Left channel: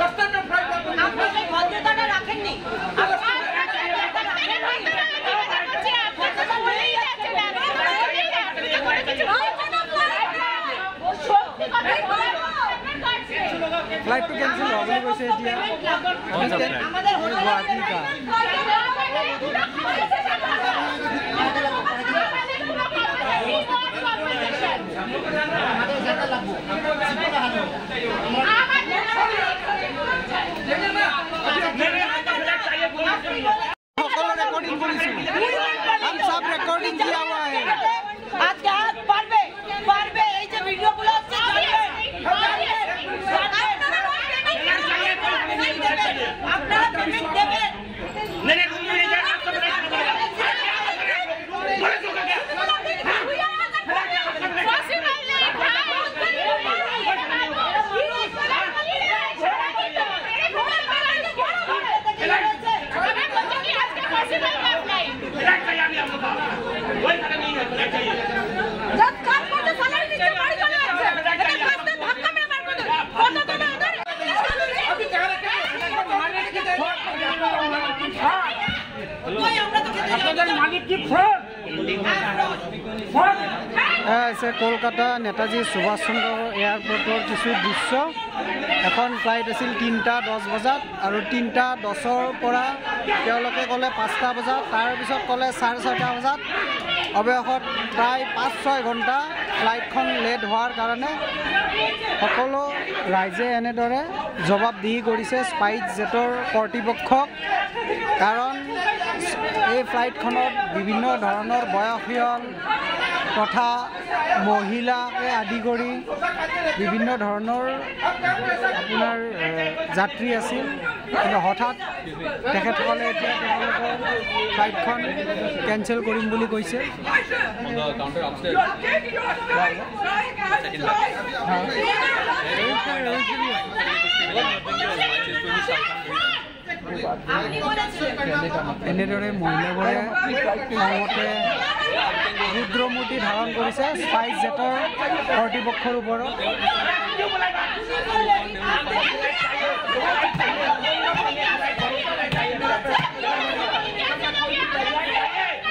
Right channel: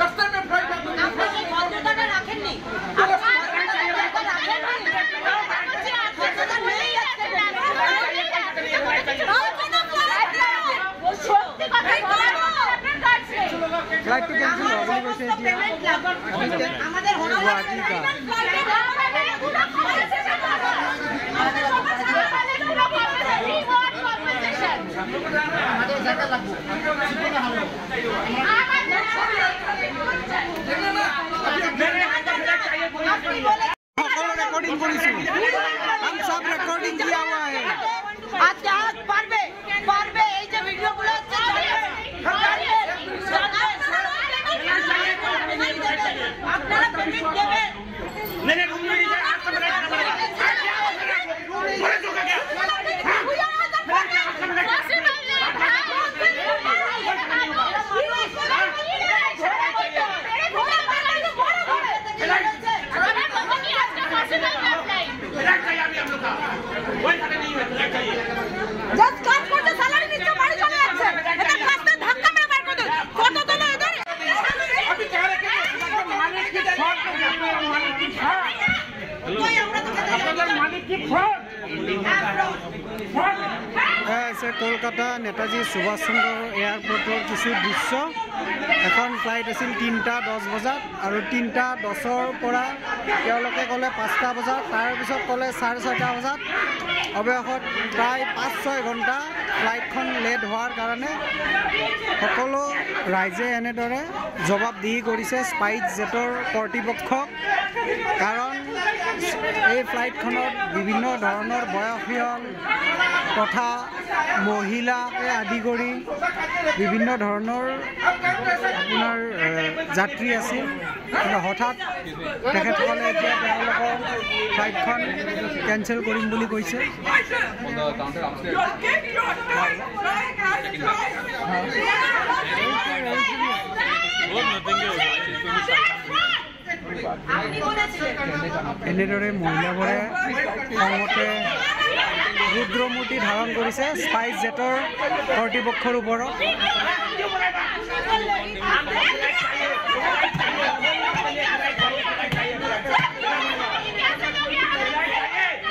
रास्ते में फ्लाइट रखेंगे फ्लाइट तो कैंसिल हो बोली कैसे दिया अभी क्या गुवाहाटी का रिकॉर्डिंग करिछु हम सब रिकॉर्डिंग किया हुआ है आज के हाथ पारबे এই যে ভিডিও গুলো হচ্ছে আপনারা পেমেন্ট দেবেন नहीं रूम में नहीं जाना आपको बड़ा करना पड़ेगा बड़े जो क्या কলকাতা নেতাজী সুভাষ চন্দ্ৰ এয়াৰপৰ্টৰ কিছু দৃশ্য এখন ফ্লাইট আছিল 3:10 বজাত আৰু 3:10ৰ পৰা তেওঁলোকে ক'লে 5টা বজাত তাৰ পিছত ক'লে 6:30 বজাত অৱশেষত প্ৰায় 5-6 ঘণ্টা ফ্লাইটখন লেট হোৱাৰ কাৰণে সকলো ৰাইজে এনেদৰে জবাবদিহি কৰিছে স্পাইচ জেটৰ কৰ্তৃপক্ষক কাৰণ এই ফ্লাইটখনত বিভিন্ন ধৰণৰ বয়সীয়াল তথা মহিলাকে আদি কৰি বিভিন্ন ধৰণৰ আপোনাৰ যাত্ৰী আছিল কিন্তু হঠাৎ তেখেতসকলে এতিয়া তেওঁলোকৰ ফ্লাইটখন কেঞ্চেল কৰিম বুলি কৈছে এনেদৰে মহিলাবোৰে খঙতে ৰুদ্ৰমূৰ্তি ধাৰণ কৰিছে স্পাইচ জেটৰ কৰ্তৃপক্ষৰ ওপৰত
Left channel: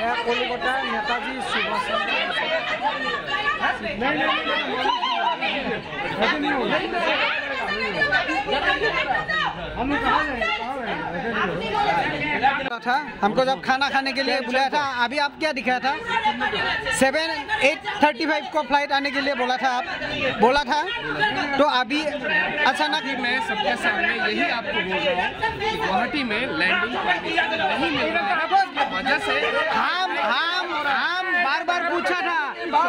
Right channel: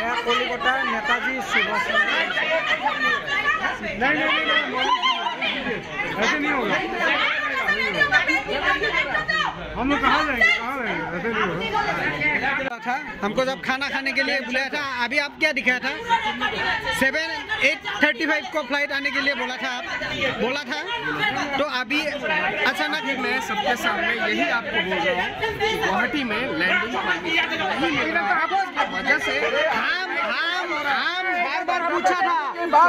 এয়া কলিকতাৰ নেতাজী সুভাষ था हमको जब खाना खाने के लिए बुलाया था अभी आप क्या दिखाया था 7:35 को फ्लाइट आने के लिए बोला था आप बोला था तो अभी अचानक मैं सबके सामने यही आपको बोल रहा हूँ कि गुवाहाटी में लैंडिंग नहीं मिल रहा है वजह से हम बार पूछा था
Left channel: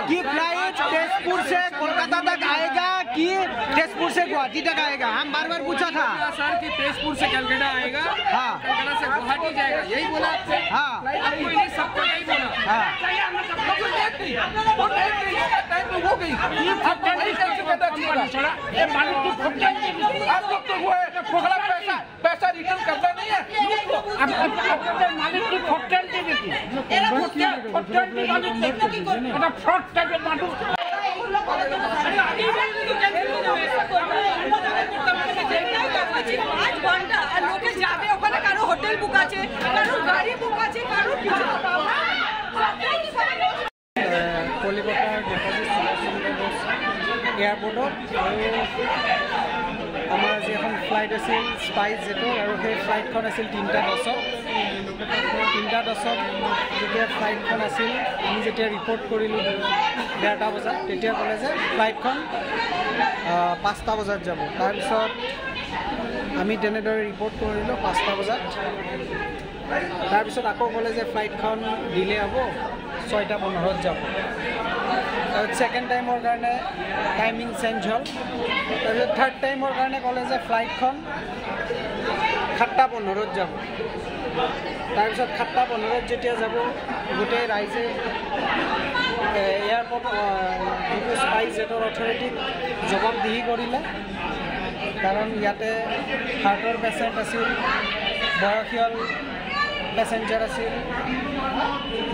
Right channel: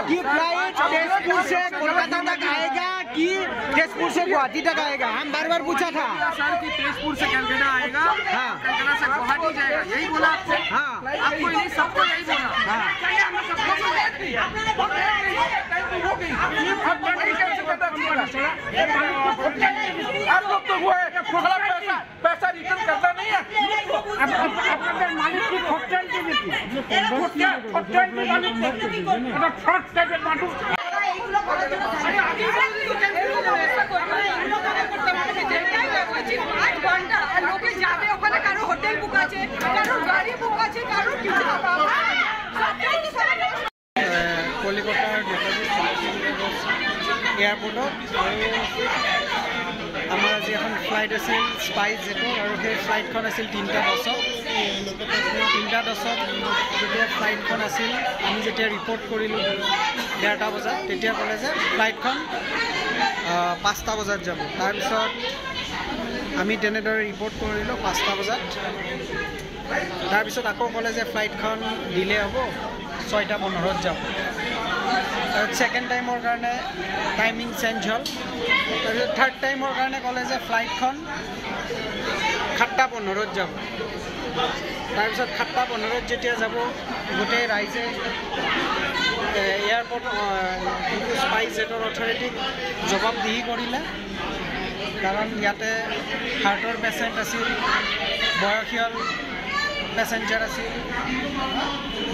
कि फ्लाइट तेजपुर से कोलकाता तक आएगा कि तेजपुर से गुवाहाटी तक आएगा हम बार पूछा था सर कि तेजपुर से कलकत्ता आएगा हाँ कलकत्ता से गुवाहाटी जाएगा यही बोला आपको हाँ आपको नहीं सबको यही बोला हाँ आप लोग तो वो है पैसा रिटर्न करना नहीं है मालिक की হোটেল বুক আছে গাড়ি বুক আছে কলিকতাৰ নেতাজী সুভাষ চন্দ্ৰ বোস এয়াৰপৰ্টত আৰু আমাৰ আজি এখন ফ্লাইট আছিল স্পাইচ জেটৰ আৰু সেই ফ্লাইটখন আছিল 3:10 যেতিয়া ফ্লাইটখন আছিল আমি যেতিয়া ৰিপৰ্ট কৰিলোঁ 1:30 বজাত তেতিয়া ক'লে যে ফ্লাইটখন 5টা বজাত যাব তাৰপিছত আমি তেনেদৰে ৰিপৰ্ট কৰিলোঁ 5টা বজাত তাৰপিছত আকৌ ক'লে যে ফ্লাইটখন ডিলে হ'ব 6:15 যাব সেকেন্ড টাইমৰ কাৰণে টাইমিং চেঞ্জ হ'ল তাৰপিছত থাৰ্ড টাইমৰ কাৰণে ক'লে যে ফ্লাইটখন 7:15 যাব তাৰপিছত 7:15 যেতিয়া যাব গোটেই ৰাইজে এয়াৰপৰ্ট স্পাইচ জেটৰ অথৰিটিক জবাবদিহি কৰিলে কাৰণ ইয়াতে হাৰ্টৰ পেচেণ্ট আছিল বয়সীয়াল পেচেঞ্জাৰ আছিল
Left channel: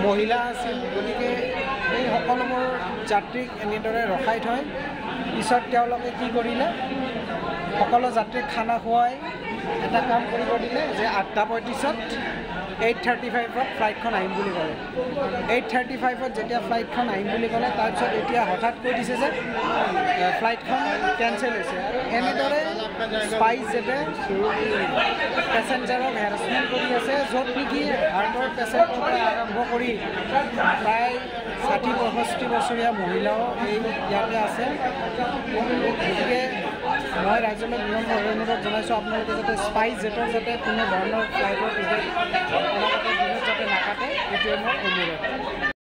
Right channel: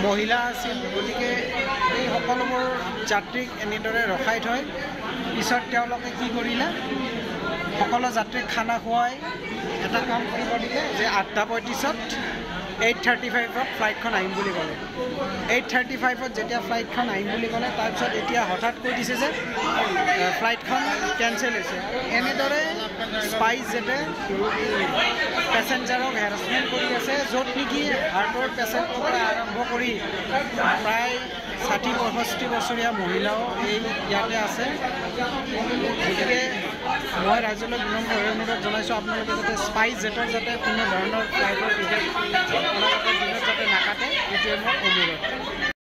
মহিলা আছিল গতিকে এই সকলোবোৰ যাত্ৰীক এনেদৰে ৰখাই থয় পিছত তেওঁলোকে কি কৰিলে সকলো যাত্ৰীক খানা খুৱাই এটা কাম কৰিব দিলে যে 8:35 8:35 ফ্লাইটখন আহিম বুলি ক'লে 8:35 যেতিয়া ফ্লাইটখন আহিম বুলি ক'লে তাৰপিছত এতিয়া হঠাৎ কৈ দিছে যে ফ্লাইটখন কেঞ্চেল হৈছে আৰু এনেদৰে স্পাইচ জেটে পেচেঞ্জাৰক হেৰাছমেণ্ট কৰি আছে য'ত নেকি হাৰ্টৰ পেচেণ্টৰ পৰা আৰম্ভ কৰি প্ৰায় 60-65 বছৰীয়া মহিলাও এই ইয়াতে আছে গতিকে মই ৰাজ্যলৈ বিনম্ৰভাৱে অনুৰোধ জনাইছোঁ আপোনালোকে যাতে স্পাইচ জেটৰ যাতে কোনো ধৰণৰ ফ্লাইটৰ টিকেট আপোনালোকে দিনত যাতে নাকাটে এইটোৱে মোৰ অনুৰোধ